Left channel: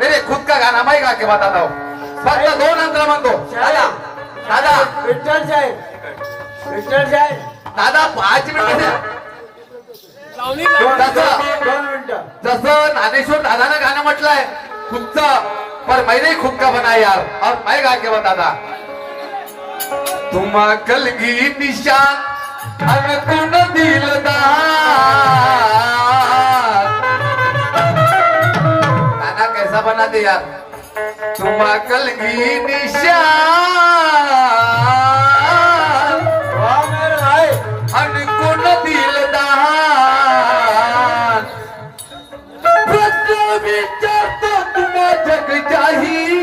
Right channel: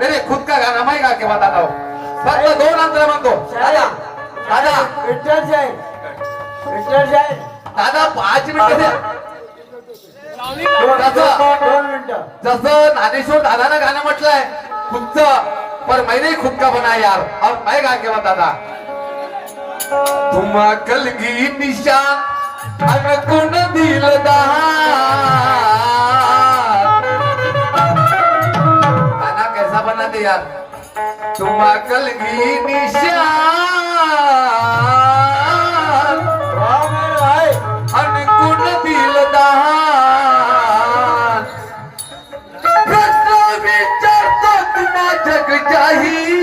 मेरे खुद का गाना मैं गा के बताता हूँ. फक्त 2 अंतर म्हणतो. दादा दादा विठ्ठल साहेब दादा 5 मिनिटं द्या. दोन मिनिटं. जसं ज्ञानेश्वर दादानं गाणं म्हटलंय खुदचं, पर मैंने खुद का बना यार. और मैं गा के बताता. तुम्हा कलगी निशान अनकुन दिलदार. गाना कैसा बना दे यार. तुम्हा कलगी निशान अनकुन दिलदार. प्रश्न विचारतो तुम्हा जग जाहीर.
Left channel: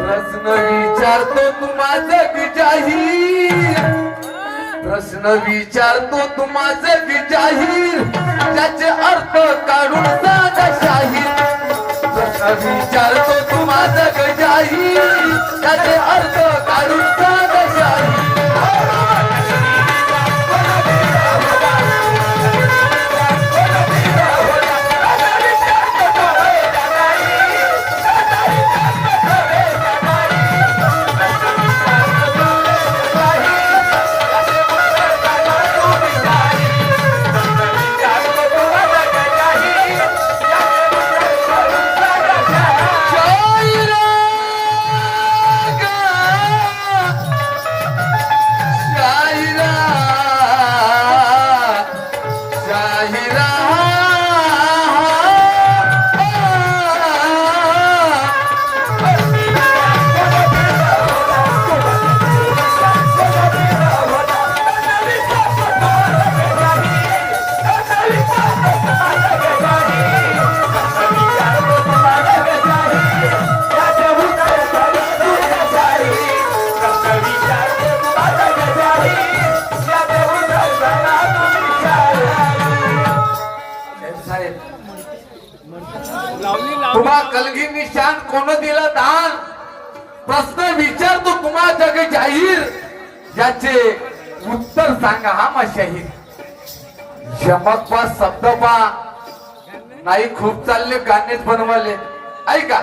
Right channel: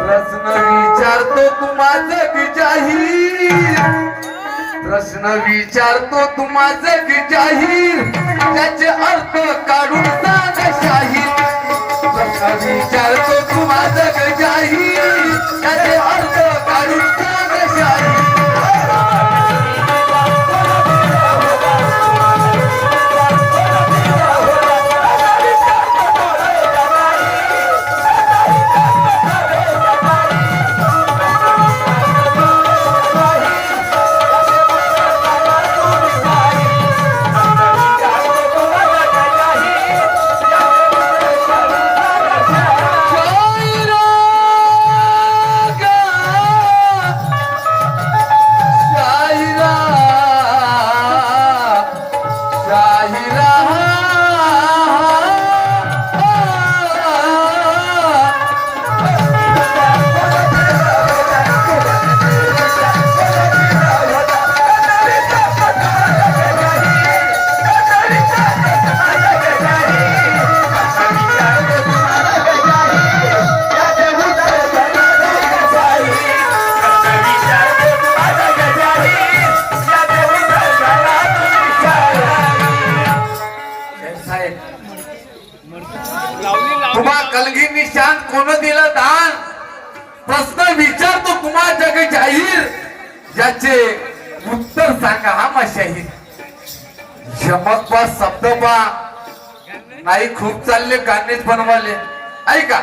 प्रश्न विचारतो तुम्हा जग जाहीर. प्रश्न विचारतो तुम्हा जग जाहीर. त्याचे अर्थ काढून सांगा शाहीर. प्रश्न विचारतो तुम्हा जग जाहीर. त्याचे अर्थ काढून सांगा शाहीर. तुम्हा कलगी निशान कोण दिलं दान. प्रश्न विचारतो तुम्हा जग जाहीर. याचे उत्तर सांगा हा मशाहीर. यमक पा शब्द पा नाही खूप चालले गाणेच बनवाले. ऐका.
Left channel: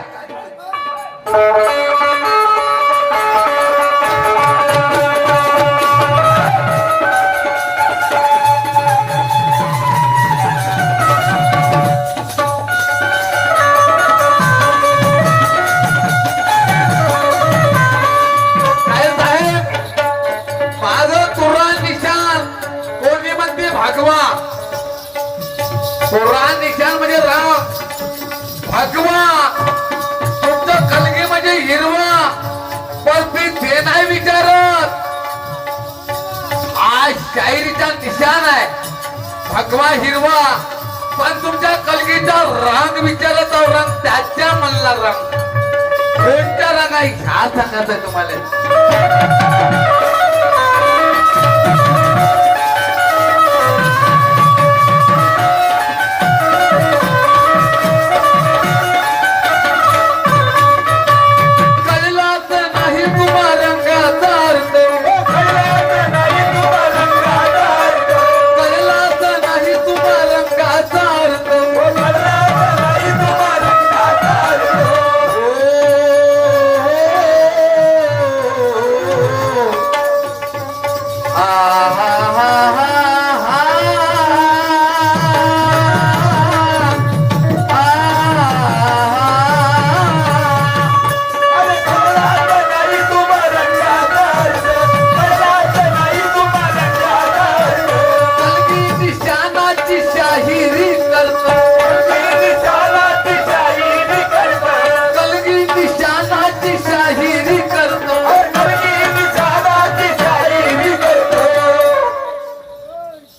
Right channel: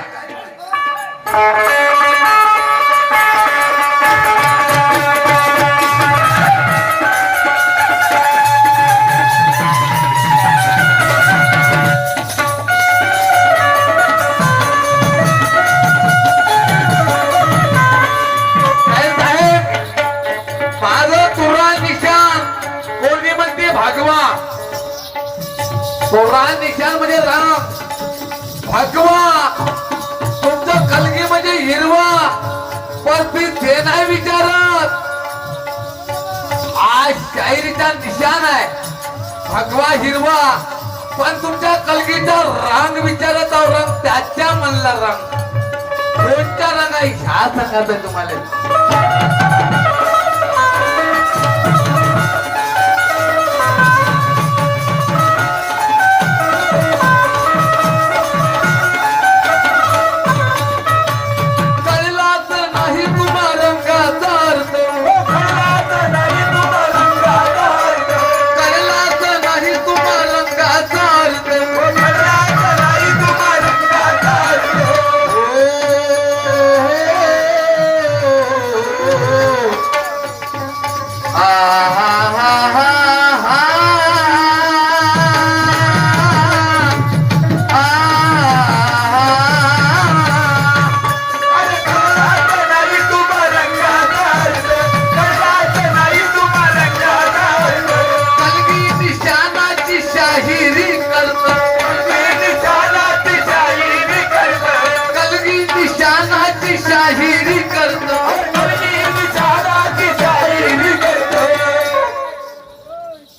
तोरा निशान म्हणजे राम. भगवा तुमचं कलगी म्हणजे हिरवा. पण मी ते नाही विचारत. आज शायरीचा निशान आहे भगवा हिरवा. पण तुमच्या कलगीचा रंग विचारत आहो. रंग त्याच्या म्हणला रंग कोणता रंग आहे ह्या सांगायचं तुम्हाला.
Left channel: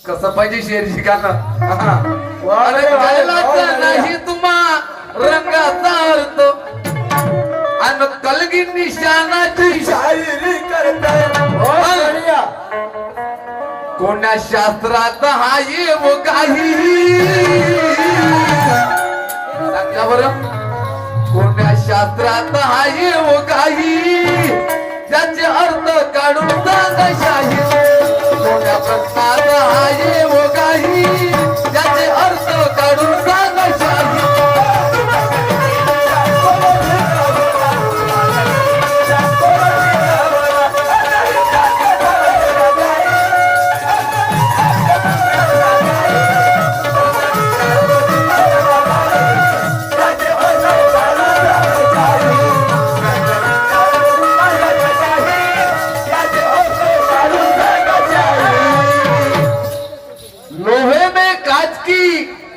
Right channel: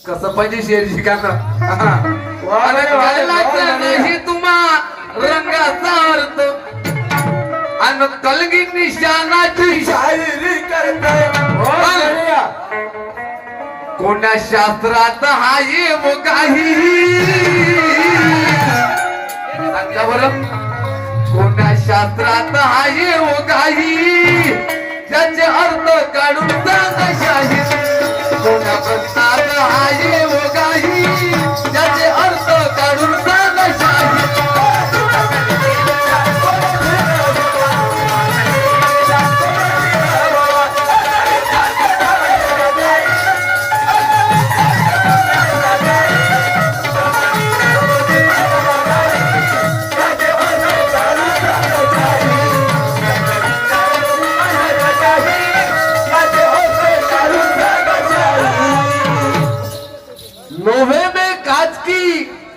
कसं पाहिजे शेर शिकायला. नाही तुम्हा रंगाचा अर्थ आणि कलगी निशानाची शायरी करताय. कोण्या शास्त्रात हा येव काही सांगा बरं. कोण्या शास्त्रात हा येव काही. त्याचे अर्थ काढून सांगा शाहीर. कोण्या प्रश्नात हा येव काही. त्याचे अर्थ काढून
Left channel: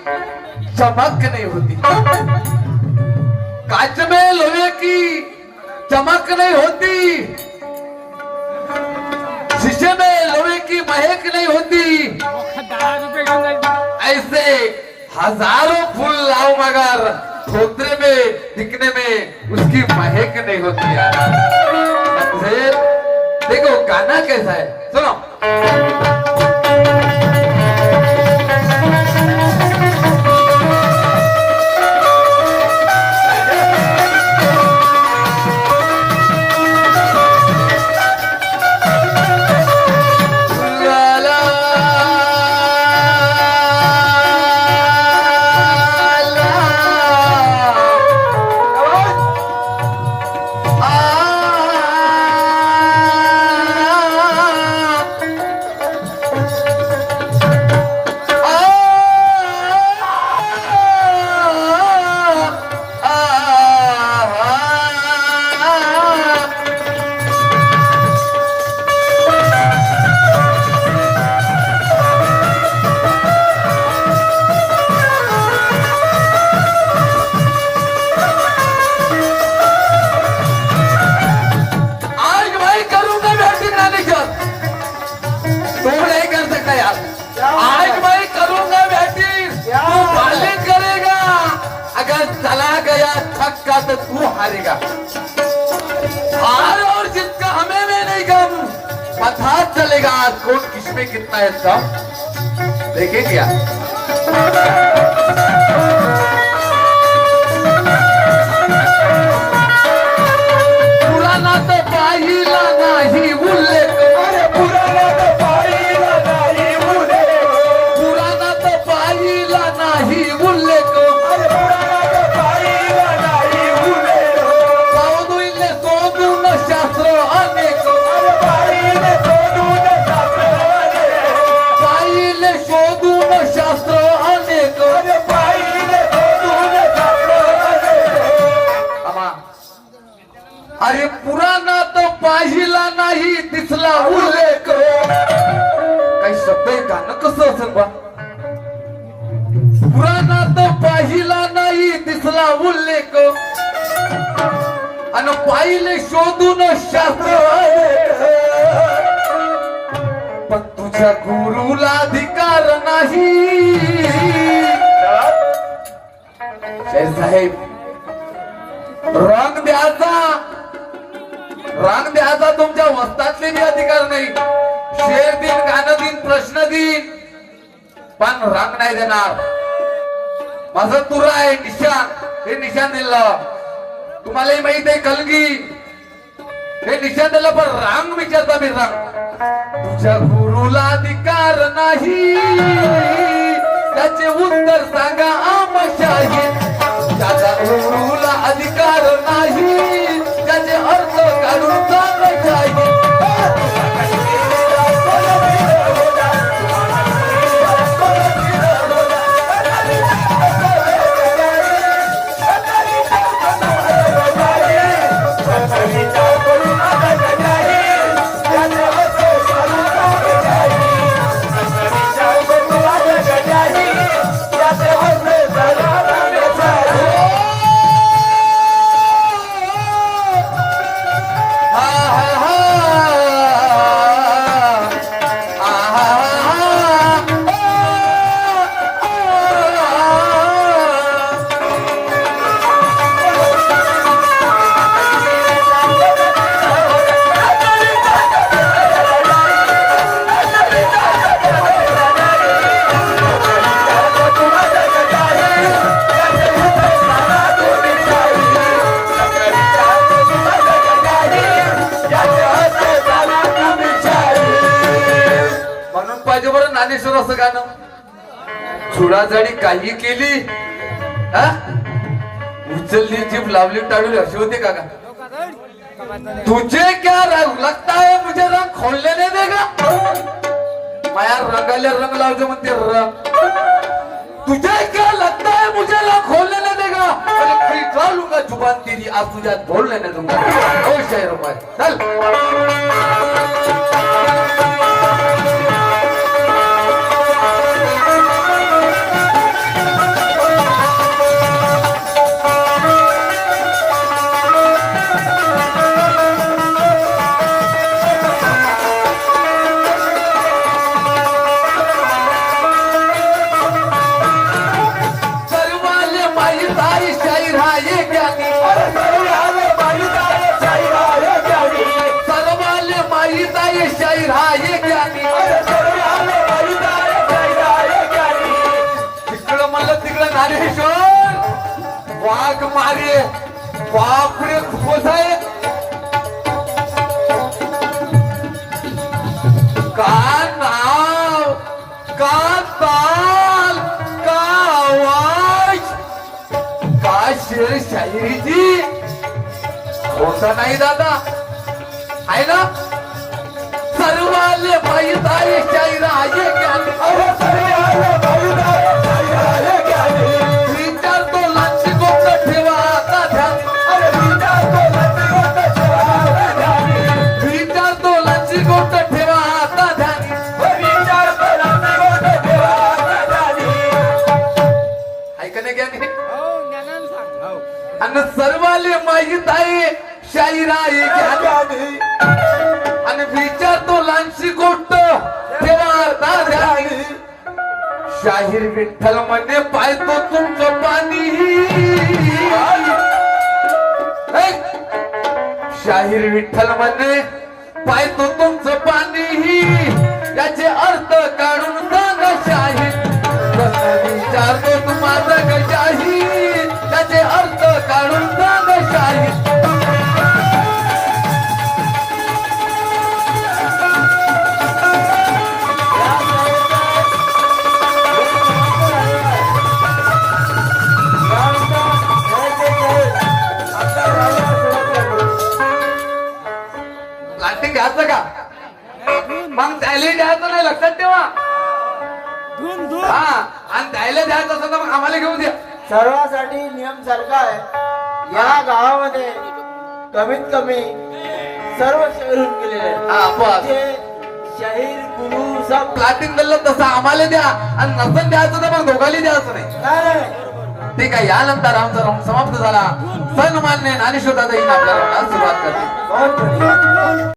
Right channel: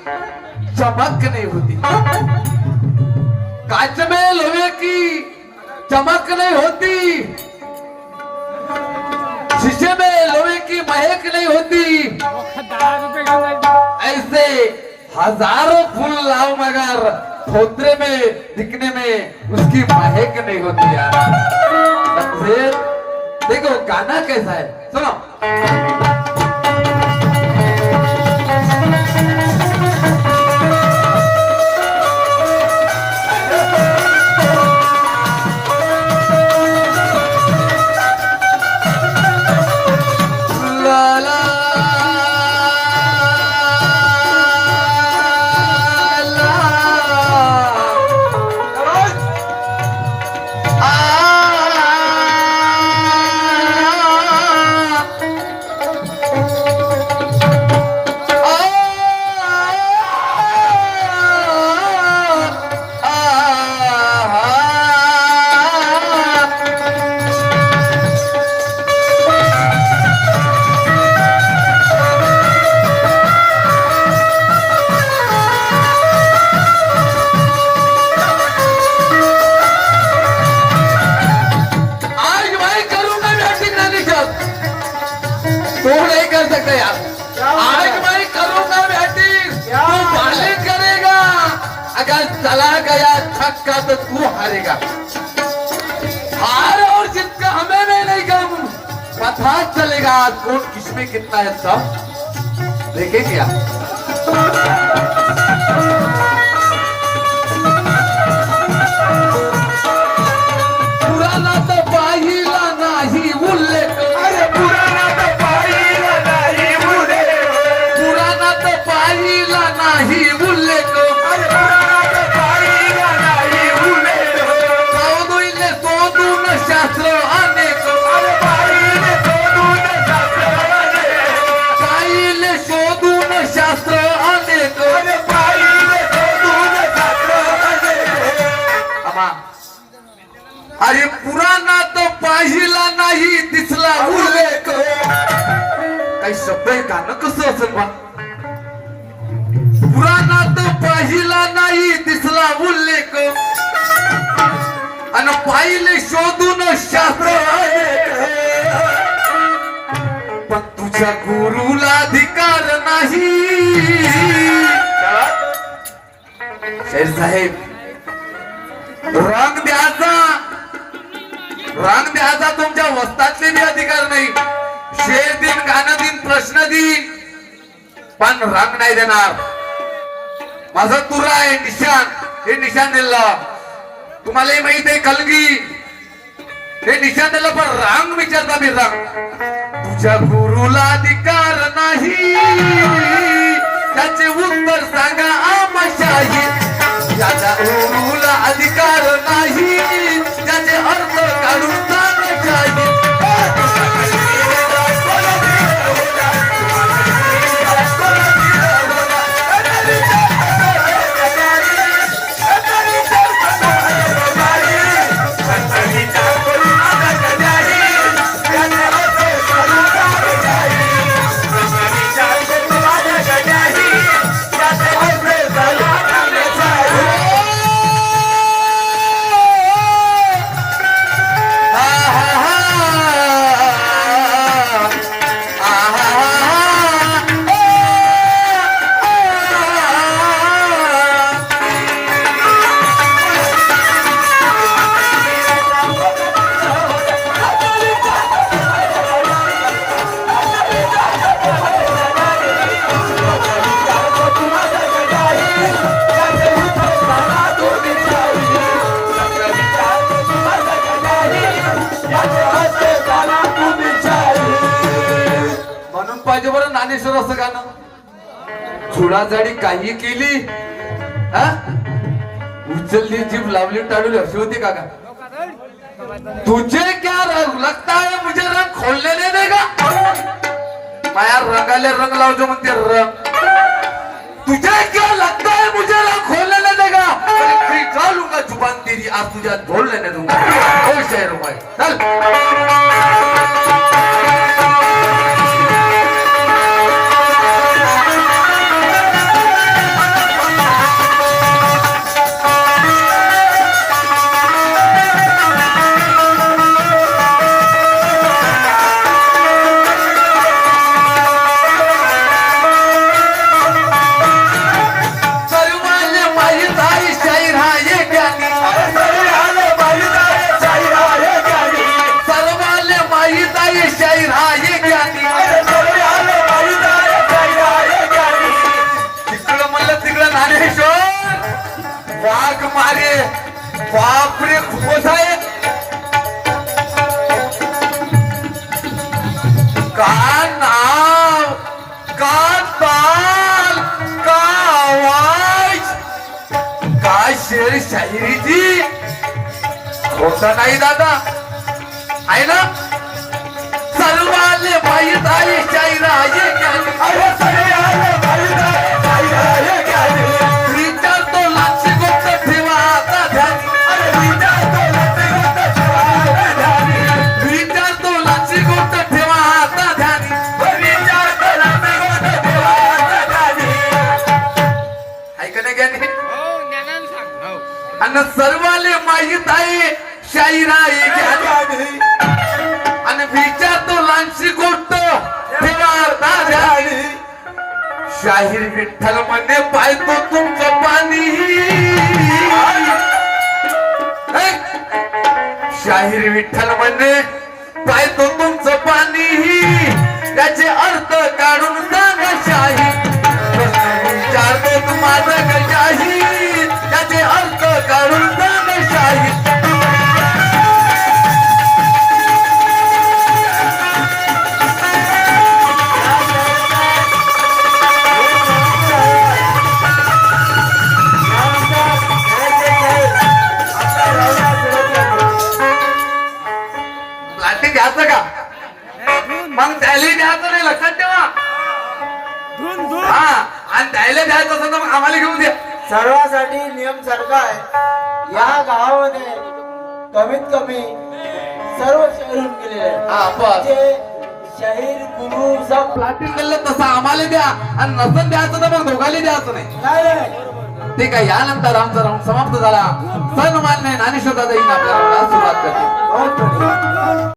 चमक नहीं होती, कांच में लोहे की चमक नहीं होती, शीशे में लोहे की महक नहीं होती। 10 रुपये घेऊन जायचं. ऐसे हजारों फूल लाओ मगर धोत्रे में दिखने में उसकी महक नहीं होती यार। समझे? देखो गाना कैसा है, सुनो। चला गया छक्का तो तू हारेगा। हार और जीत का हमें में नहीं गम, पता चलेगा कौन किसमें कितना है सब देखे क्या। पुराना तो पाहिला नाही उल्लेख, अरे पुराना तो पाहिला नाही उल्लेख, पुराना तो पाहिला नाही उल्लेख, शास्त्र अनेक, पाहिले शोधून शास्त्र अनेक, अरे पुराणा तो पाहिला नाही दिसला उल्लेख। काही शब्द आहे गाणं कसं असेल बा। पुराणा तो पाहिला नाही दिसला उल्लेख, आणि पाहिले शोधून शास्त्र पण तुझ्या गुरुला अधिकार नाही। शेर साहेब रंग द्यायचा तुमच्या वस्तातले बी अधिकार नाही। शेर दिन, गाणं दिन, प्रश्न दिन, पण रंग नाही देणार। माझं तुरा आहे निशान, हे निशान दिलं तुम्हालाही माहित आहे। कलगी हे निशाण दिलं पण रांग विचारता मी रांग। तुझ्या गुरुला अधिकार नाही त्याचे उत्तर सांगा आमशाही। त्याच्या गुरुला अधिकार नाही त्याचे अर्थ काढून सांगायचे। ज्ञानेश्वर असं गाणं छुडाजाडी काही केली हा उचलली जीभ लावली टाळली अशी होते का तुझे क्या रंग लगता है मुझे रंग खोलने नहीं देगा माया रंगाले रंग लावतो म्हणते रंग तुझे क्या लगता है मुझे रंग खोलने नहीं देगा मैं खरीदा लूंगा जुबान तेरी आज तुझे बोल लेने दूंगा ओ शेर भाई चल इकडे ज्ञानेश्वर वाघ मारे बापरे खूपच आहे का नाव का ताल का आवाज का शेर शायरीची होता नाही दादा आहे ना सर्वाले पाहिजे आहे शायरा आहे अरे सर्वाले पाहिजे आहे शायरा विचार तो लाची गोष्ट ठेवा आता ध्यानी अरे विचार तो लाची गोष्ट ठेवा आता ध्यानी विचार तो लाची गोष्ट ठेवा आता ध्यानी विचार तो लाची गोष्ट ठेवा आता ध्यानी ऐकणे ज्ञानी हो ज्ञानानं सांग हो आणि सर्वाले माहीत आहे शायरा आहे ज्ञानी आणि विचार तो लांची गोष्ट ठेवा आता ध्यानी शाहीर विठ्ठल म्हणे पाहतो तुमचं पाणी ऐ! शाहीर विठ्ठल म्हणे पाहतो तुमचं पाणी त्याचे अर्थ काढून सांगा शाहीर प्रश्न विचारतो तुम्हाला शाहीर त्याचे अर्थ काढून सांगा शाहीर प्लास्टिक घ्यायचं का मग त्याला द्यायचं नाही लक्षात ठेवा धुन धुन हा आणि त्याला द्यायचं असेल तर मग आम्हाला घेऊन द्या सर्वांसाठी नियम सारखा आहे या गावामध्ये कमीत कमी सर्व शहरून गेलेले आहेत. हा बस जे शाहीर गुरु सब प्लास्टिक दिलं तसं आम्हाला द्या आणि नसन द्यायचं तर मग दोघांनी द्यायचं नाही नाही ठीक आहे यानंतर आमचा राऊंड समाप्त झाला सन्मान्य ज्ञानेश्वर दादा येईन आपल्याला सुरुवात करते बहुत बढिया.